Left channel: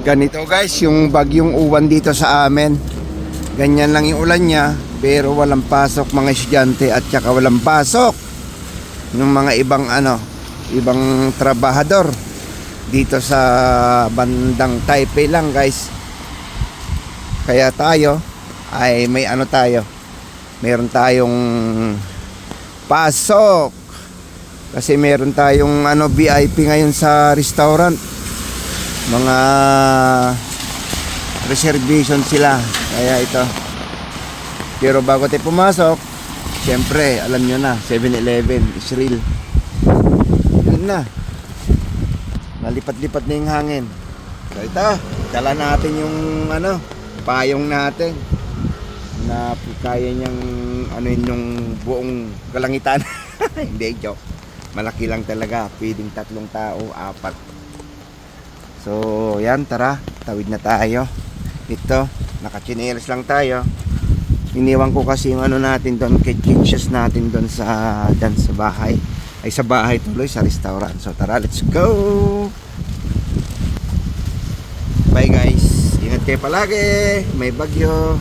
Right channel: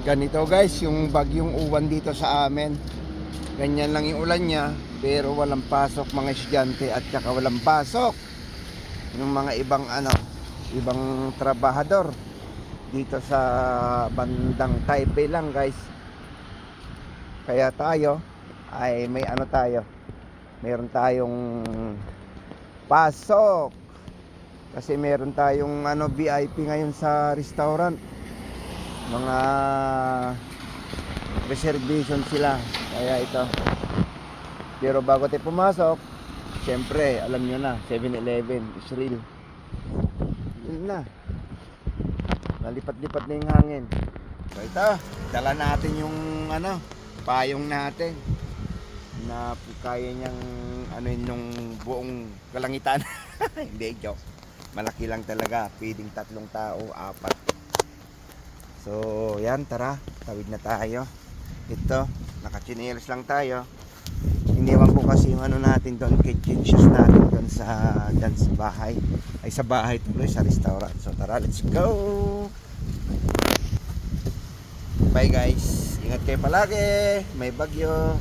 Ganito guys, yung bagyong uwan dito sa amin. Ganyan lang yung ulan niya, pero walang pasok mga estudyante at saka walang pasok ng mga ibang trabahador dito sa bandang Taipei lang guys. Kaya tayo ay meron tayong pasok kasi meron tayong VIP ngayon sa restaurant. Mga reservation sila, kaya ito. Pero bago tayo pumasok, siyempre alam nyo na, 7-Eleven is real. Yun na, nalipat-lipat na yung hangin. So ito, dala natin yung payong natin na kaya niyang yung buong kalangitan. Hindi, joke. Malaki lang talaga, pwedeng 3 tao, 4. So yan, tara, tawid na tayo. Ito, nakachinelas lang tayo. Iniwan ko kasi yung natin doon, kitchens natin doon sa bahay. Ay sa bahay tuloy, sa restaurant. So tara, let's go. Bye guys, ingat kayo palagi, may bagyo.